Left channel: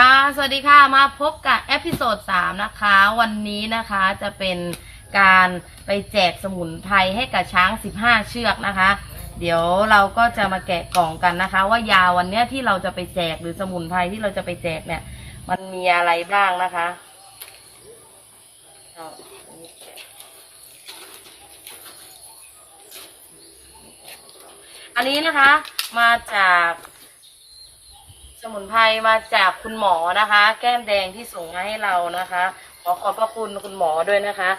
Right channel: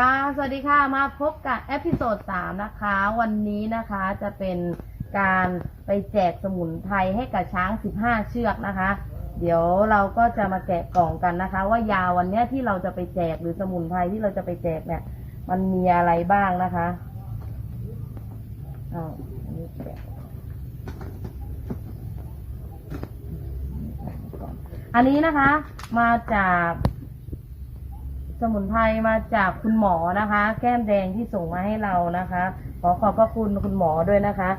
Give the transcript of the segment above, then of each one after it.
ค่ะสวัสดีค่ะ มาพบกับเอพิโซด3นะคะ วันนี้นะคะจะเป็นการไปแจกสมุนไพรให้กับช้าง 15 เชือกนะคะ เดี๋ยวเราก็จะมาแกะกล่องกันนะคะ ว่ายาวันเนี้ยที่เราจะไปแจกหรือสมุนไพรที่เราจะไปแจกเนี่ย มันมีอะไรบ้างนะคะอ้าอันนี้แกะอันนี้นะคะมาจาก สมุนไพรมาจากคุณหมอนะคะ แก้มแดงที่ส่งมาให้เรานะคะ ขอขอบพระคุณคุณหมอด้วยนะคะ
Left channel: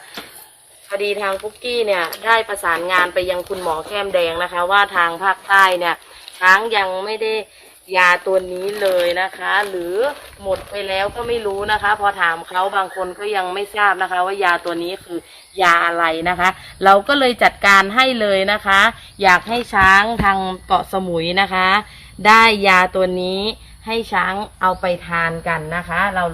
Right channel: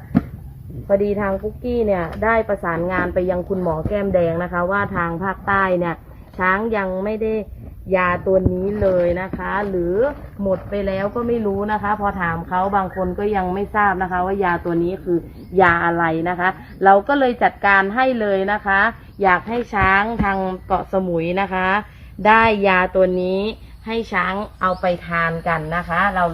พอดีทางปุ๊กกี้เนี่ยได้ประสานงานไปยังคุณหมอแก้มแดงนะคะ ว่าทางภาคใต้เนี่ย ช้างยังไม่ได้ยาตัวนี้เลยนะคะ หรือหมดไปแล้วก็ไม่รู้นะคะ พอถามเขาบางคนก็ยังไม่ทราบนะคะ ว่ายาตัวนี้คือยาอะไรนะคะ เราก็เลยจัดการให้เลยนะคะ อยากให้ช้างทางเกาะสมุยนะคะ ได้ยาตัวนี้ ให้ช้างเอาไปทานกันนะคะ เรา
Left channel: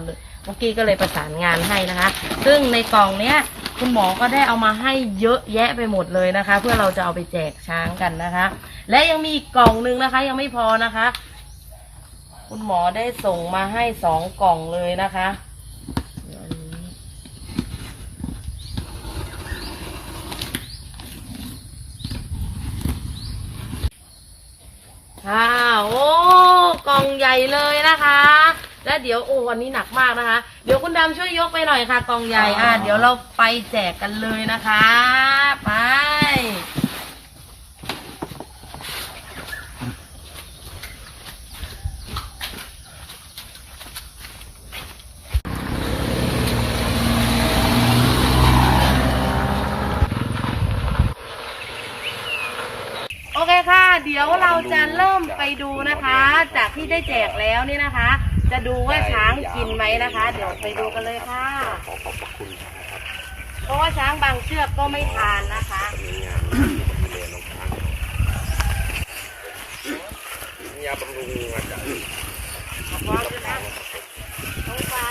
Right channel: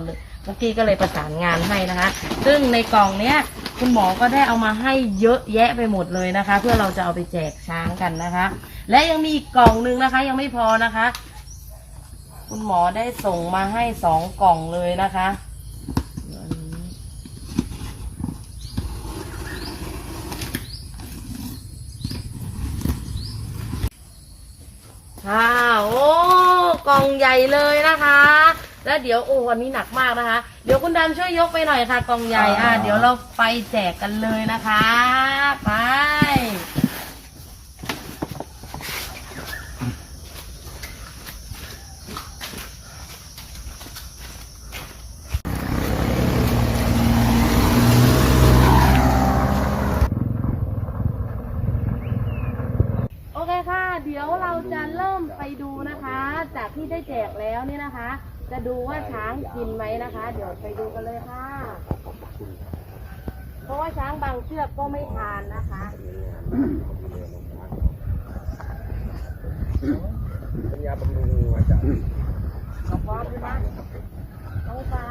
เมื่อกี้ก็เลยประสานงานให้นะคะ ซึ่งในกล่องเนี้ยคุณหมอก็ได้เอามาให้เยอะแยะไปหมดเลยนะคะ เพื่อเราจะเอาไปแจกช้างกันนะคะ และยังมีอีกกล่องหนึงนะคะ ยังไม่พอนะคะ คุณหมอได้ส่งมาให้สองกล่องเลยนะคะอันนี้ค่ะโอ้ กล่องใหญ่เลยนะคะ แล้วเดี๋ยวโอ้วันนี้หนักมากนะคะ เดี๋ยวคุณดำช่วยยกไปหน่อยค่ะกล่องใหญ่อะเดี๋ยวเราไปแจกกันเลยนะคะไป โอเคค่ะ เดี๋ยวเราจะเริ่มไปดูนะคะ จากที่ได้แจกแล้วนี่นะคะ จะดูว่าช้างกินไหมนะคะ เดี๋ยวไปดูกันเลยค่ะ เพราะว่าช้างบางเชือกก็ไม่ทานนะคะยาบำรุงอาจารย์ขอบคุณนะน้องฟ้า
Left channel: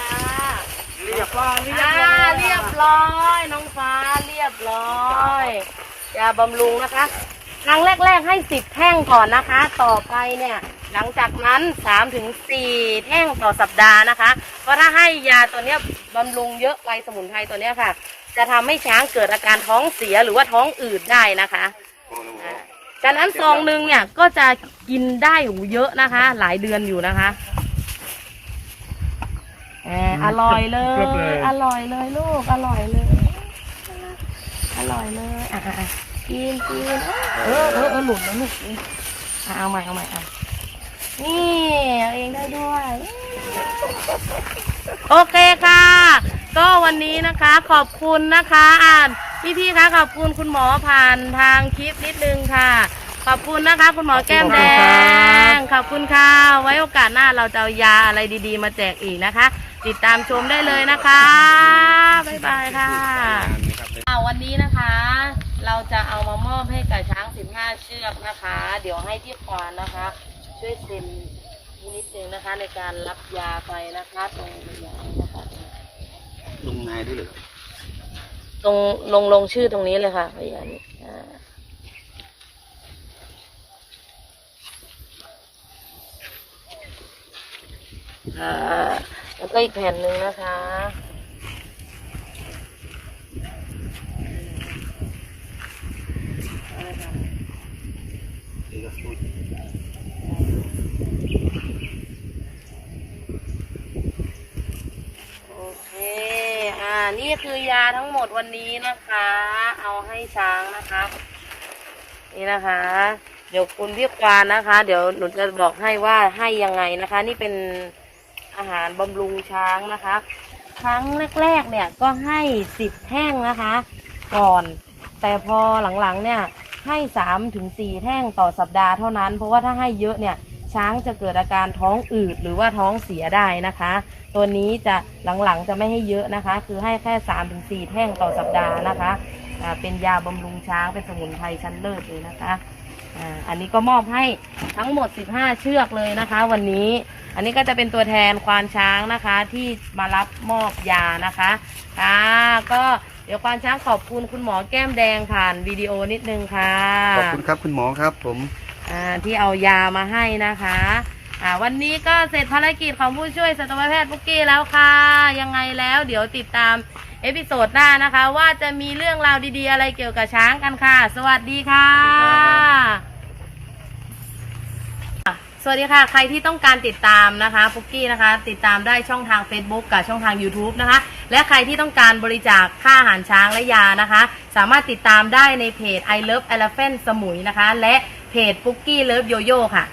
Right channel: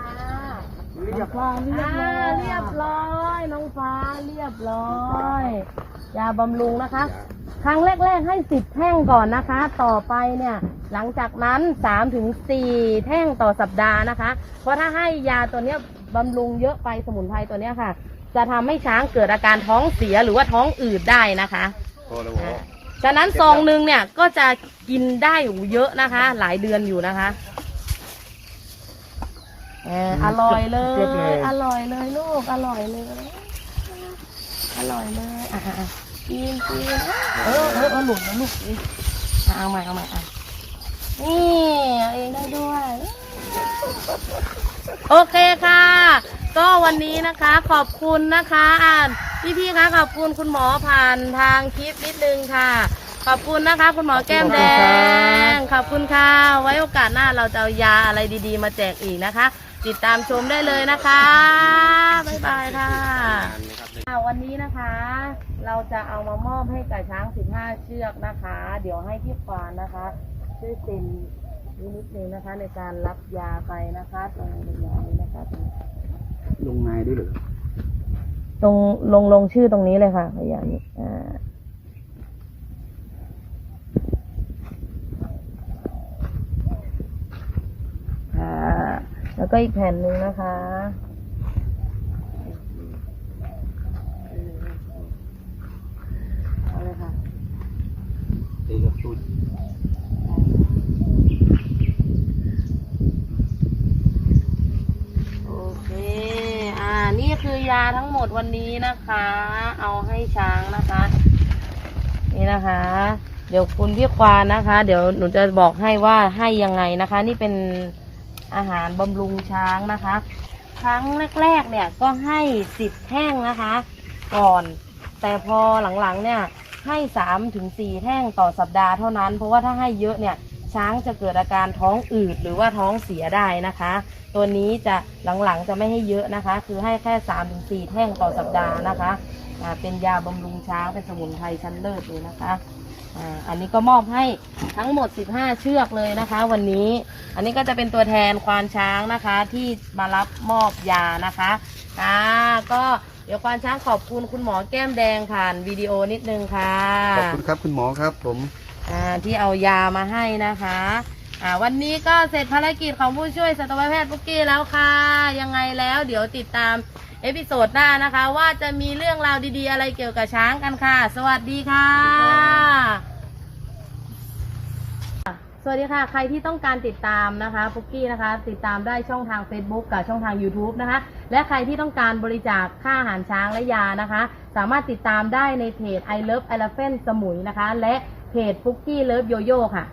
เรียบร้อยอ่าเรียบร้อย น้องฟ้าเรียบร้อยยาบำรุงนะคะ ครั้งแรก ๆ ให้สิบแท่งก่อนนะคะ ต่อไปเนี่ย หลังจากนั้นสามถึงสี่แท่งต่อสัปดาห์นะคะ เพราะถ้าให้ยาตัวเนี้ยบำรุงเยอะไปสมุนไพรตัวเนี้ยค่ะ จะทำให้ช้างเกิดอาการท้องเสียหรือว่าท้องอืดได้นะคะพอแล้วอ่าฉะนั้นซองหนึ่งเนี่ยก็จะกินได้อยู่เยอะนะคะ หลายเดือนอยู่นะคะเอออร่อยเลย อร่อยเลยลูก อร่อยเลย อร่อยเลยอะอะอะ กินกินเออเออเออหลุดแล้วลูกอะเอาใหม่เอาใหม่อะนี่เอาเองได้ด้วย โอเคค่ะ ก็วันนี้นะคะขอบคุณนะคะอ่านพี่พี่ๆคะขอบคุณคุณหมอผ่านทางคลิปนิดนึงค่ะ ขอบคุณนะคะ คุณหมอแก้มแดง ขอบคุณค่ะ ไว้โอกาสหน้าเราจะเอายาอะไรดี ๆ มาแจกอีกนะคะ ติดตามชมได้เลยนะคะ บ๊ายบายค่ะอ่าวันนี้นะคะ เราจะเอามามอบให้กับช้าง 15 เชือกนะคะ เดี๋ยวให้พี่ควานนะคะ ช่วยเซ็นนี่นิดนึงนะคะ ในการรับยาไปนะคะตรงยานี้นะคะลงนายด้วยเหรอตรงลงลงชื่อตรงนี้เลยค่ะพยานนี้อ่าอ่าแล้วก็อีกแผ่นหนึ่งนะคะ เอาเลยค่ะนี่ก็พูดโอเค อ่า นี่คือยาทั้งหมดวันนี้นะคะ เอาให้ช้างนะคะ นี่นะคะ เดี๋ยวคุณพี่ควานนะคะ เดี๋ยวหนูจะบอกให้ว่าให้ยังไงนะคะ นี่เป็นอาหารบำรุงช้างนะคะ ครั้งแรกๆเนี่ยก็ให้สิบแท่งนะคะ ก่อน แต่พอหลังๆเนี่ย ให้สามถึงสี่แท่งต่อสัปดาห์เท่านั้น เพราะว่าถ้าให้เยอะเนี่ยช้างจะเกิดอาการท้องอืดหรือว่าท้องเสียได้นะคะ ตัวนี้จะหลังๆจะไม่ให้เยอะนะคะ คือให้แค่สามถึงสี่แท่งต่อสัปดาห์นะคะเป็นยาบำรุงช้างเป็นสมุนไพรชั้นเลิศเลยนะคะอันนี้ก็มอบให้ทั้งหมด 15 เชือกเลยนะคะ วันนี้ อันนี้ก็จะเป็นตัวแทนควานช้างนะคะที่มารับมอบยานะคะ ค่ะ ก็ เดี๋ยวควานช้างขอบคุณคุณหมอแก้มแดงผ่านวิดีโอนิดนึงค่ะ ขอบคุณครับคุณหมอครับผม อ่าที่เอายามาให้นะคะ อ่า วันนี้ก็เสร็จภารกิจของผู้ช่วยสัตวแพทย์ปุกกี้แล้วค่ะ ยังไงแล้วเดี๋ยวติดตามเอพิโซดหน้านะคะ ว่าจะมีเรื่องราวดีๆ อะไรเกี่ยวกับช้างกันค่ะ สวัสดีค่ะ สวัสดีค่ะ ใครที่ต้องการติดตามนะคะปุกกี้นะคะ ติดตามได้ช่องทาง Facebook กับช่องทาง YouTube นะคะ และใครที่ต้องการบริจาคค่าอาหารช้างและยานะคะ สามารถติดตามได้ในเพจ I Love Elephant สมุยนะคะ และเพจ Pookie Love Yoyo ค่ะ